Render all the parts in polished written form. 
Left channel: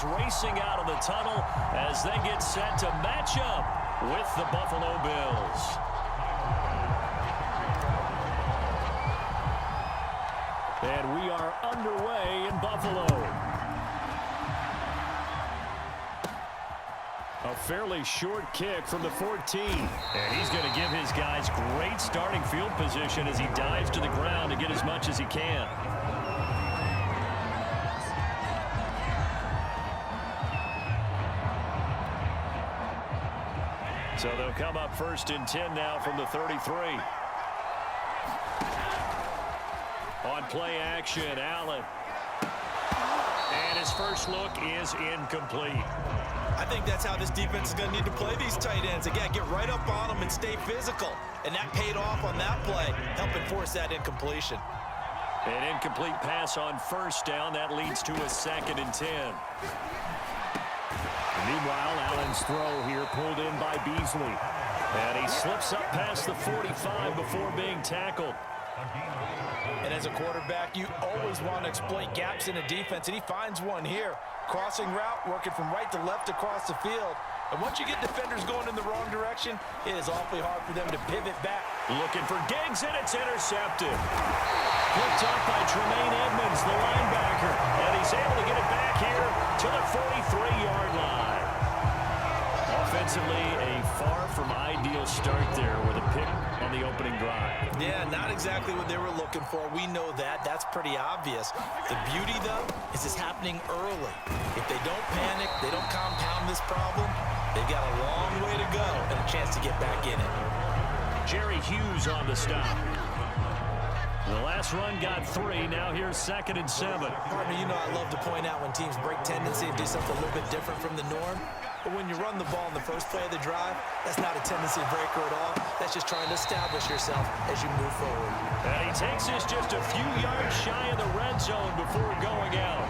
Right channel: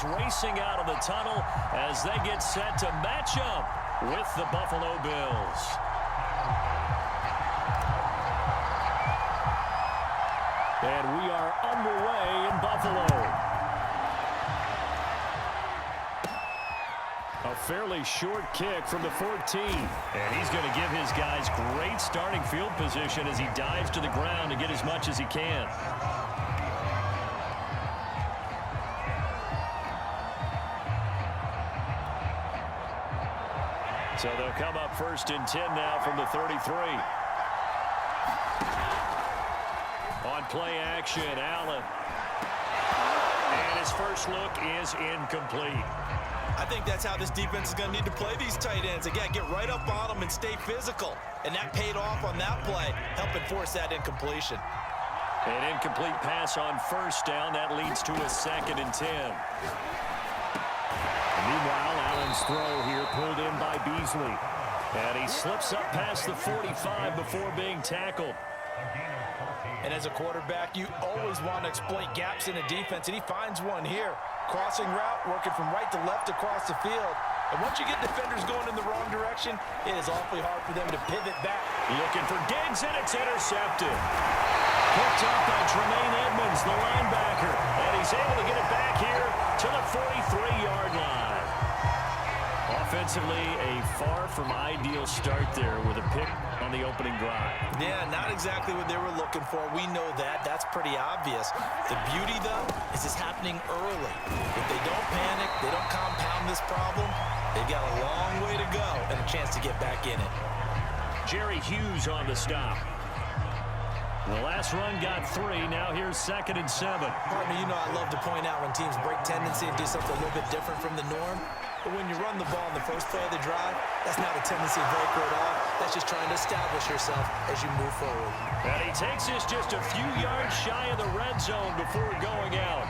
goes racing out of the tunnel as they get set to match up with the Buffalo Bills. And we are underway in Buffalo. A fairly short kick from the 14. And he's going to give his guys great starting field position as he dives to the ground to get as much as he can. So they'll come up 1st and 10 now from the 33. On play action, Allen. And his first look is incomplete. I think that's how this defense is going to need to play these tight ends. They got to get right up on them and stay physical. And that paid off on that play, helping force that incompletion. An incomplete pass on 1st down. That leads to a 2nd and 10. Meanwhile, Allen's throw here pulled in by Beasley. And he slips up past the 45 before being tackled. And as a quarterback, you always want to exploit gaps in a defense, and he finds one here. Crossing route, working from right to left across the field. And once you get defenders going in the wrong direction, it is awfully hard for them to pivot back. Looking for Diggs, and it's intercepted. Picked up by Tremaine Edmonds, the linebacker. And he's able to get it back here to the 43-yard line. Offensively, a far from ideal start there with a pick on the opening drive. Yeah, not exactly what they were looking for. We know that. That's pretty obvious. The beauty, though, is it's happening early. If they don't panic, they don't compound this problem, they've got a long way to go and a chance to get back in it. Jerry Hughes on the stop. The last run got 3. Now here's 2nd and 7. Partner, you know I love to point out when teams break tendency and do something a little bit different from the norm. But when you run the ball in the first play of the drive, that's not a tendency breaker at all. That's just trying to establish yourself as you move forward. And he takes this just a few yards shy of the red zone before going out.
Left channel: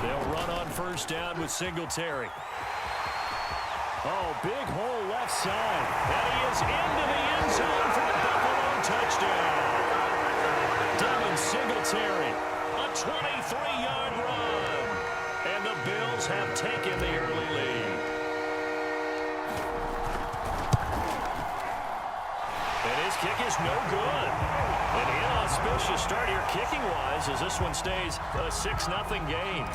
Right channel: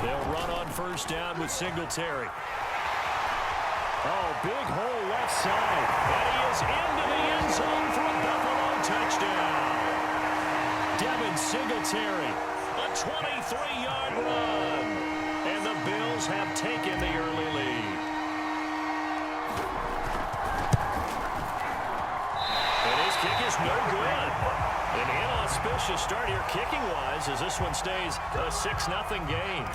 They'll run on 1st down with Singletary. Oh, big hole left side. And he is into the end zone for a Buffalo touchdown. Devin Singletary, a 23-yard run. And the Bills have taken the early lead. And his kick is no good. An inauspicious start here kicking-wise as this one stays a 6-0 game.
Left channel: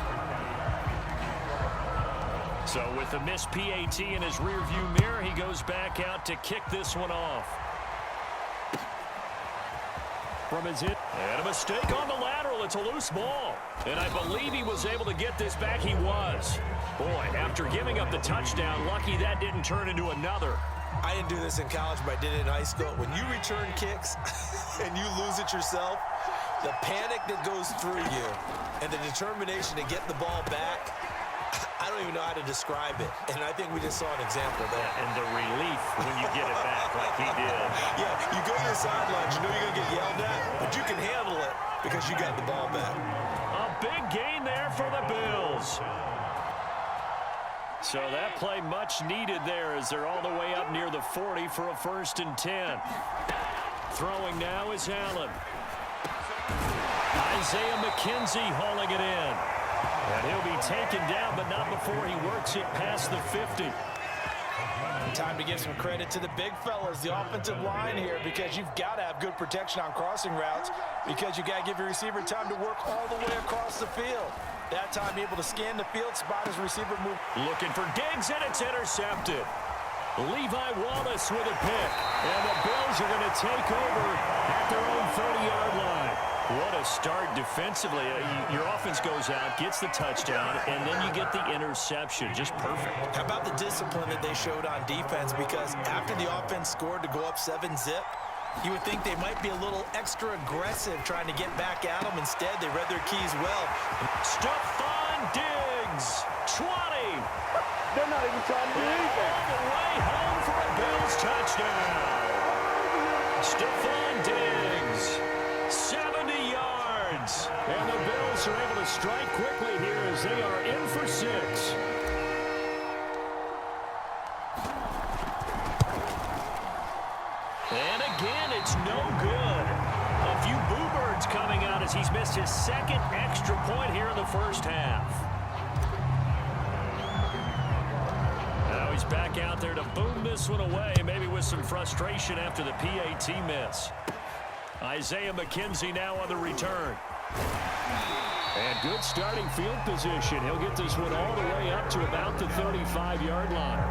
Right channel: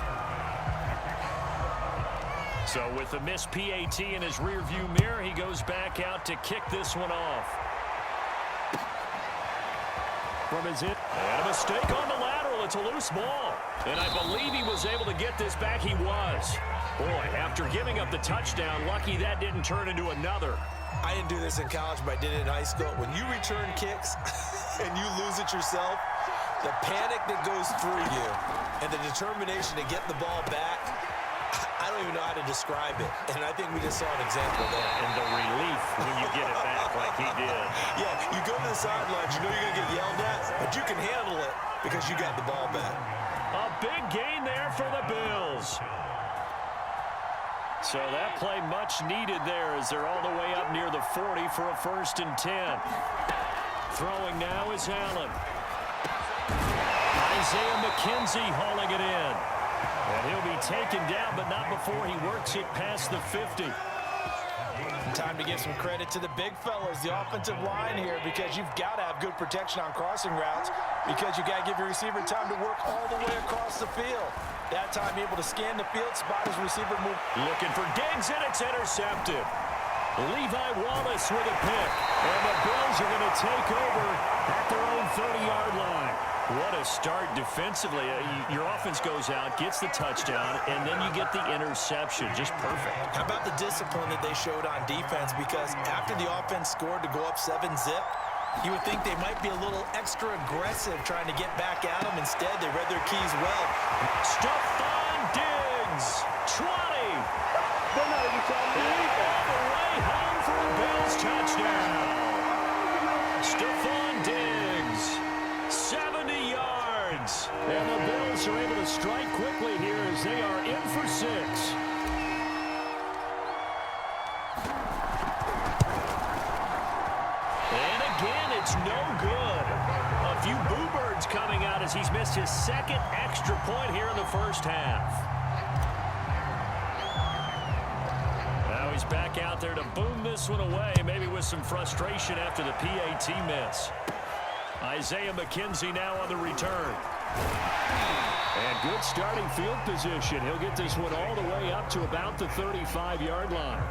So with the missed PAT in his rearview mirror, he goes back out to kick this one off. From his hit, and a mistake on the lateral. It's a loose ball. And I believe he was able to get this back. He was. Boy, after giving up the touchdown, lucky that didn't turn into another. I didn't do this in college, but I did it in high school. When you return kicks and you lose it yourself, the panic that goes through you and the determination to get the ball back, I don't even know how to describe it. And I think we just saw an example there. Yeah, and the relief when you get it back like he did. Yeah, you go to the sidelines, you know you're going to get yelled at, but you can handle it because you got the ball back. A big gain there for the Bills. So that play much needed there as they're all the way up near the 40 for a 1st and 10. Throwing now is Allen. Isaiah McKenzie hauling it in. And he'll be taken down, but not before he works it past the 50. Time to give some credit to the big fellas, the offensive line here, because you've got to have good protection on crossing routes because you got to give your receiver time to work all the way across the field. That time able to scan the field, spot his receiver move. Looking for Diggs, and it's intercepted. Levi Wallace with a pick, and the Bills are going to take over at their own 30-yard line. What a start defensively. Your offense goes out, gets the touchdown, and then you get the interception. Just perfect. How about the discipline that they showed on defense? Because after the offense scored to go up 7-zip, you would think they might be a little extra aggressive trying to get back at them. Instead, they read their keys well. Stephon Diggs, 20. They're not even trying to do anything. All the way home for a Bills touchdown. Stephon Diggs, 70 yards. And the Bills are able to strike quickly here as they are in for 6. And again, it's no good. A few boo birds coming out as he's missed his second extra point here in the first half. Now he's back out there to boom this one away, maybe with some frustration after the PAT miss. Isaiah McKenzie now on the return. And good starting field position. He'll get this one all the way up to about the 35-yard line.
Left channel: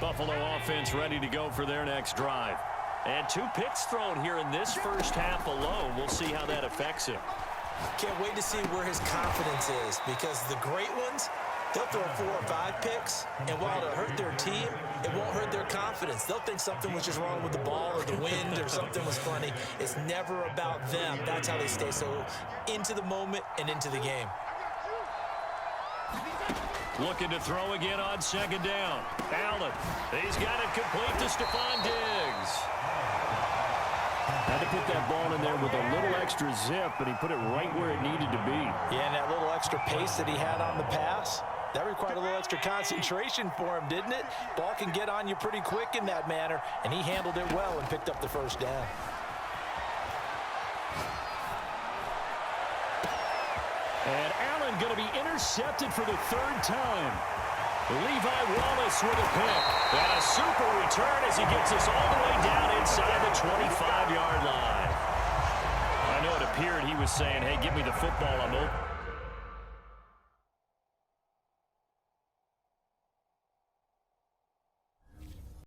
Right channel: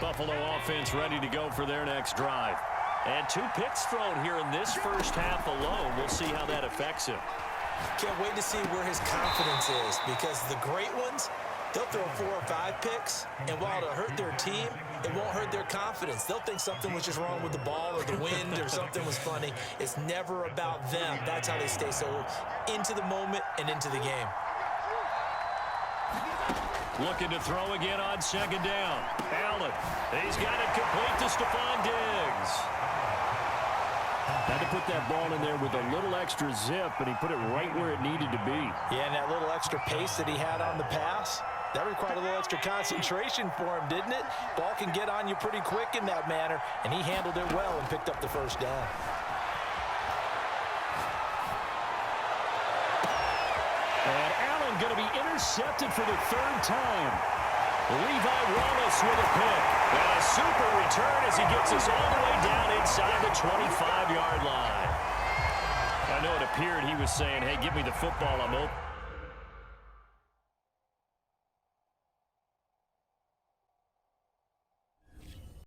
Buffalo offense ready to go for their next drive. And 2 picks thrown here in this first half alone. We'll see how that affects him. Can't wait to see where his confidence is, because the great ones, they'll throw 4 or 5 picks, and while it'll hurt their team, it won't hurt their confidence. They'll think something was just wrong with the ball or the wind or something was funny. It's never about them. That's how they stay so into the moment and into the game. Looking to throw again on second down. Allen, he's got it complete to Stephon Diggs. Had to put that ball in there with a little extra zip, and he put it right where it needed to be. Yeah, and that little extra pace that he had on the pass, that required a little extra concentration for him, didn't it? Ball can get on you pretty quick in that manner, and he handled it well and picked up the first down. And Allen going to be intercepted for the 3rd time. Levi Wallace with a pick. And a super return as he gets us all the way down inside the 25-yard line. I know it appeared he was saying, hey, give me the football, I'm open.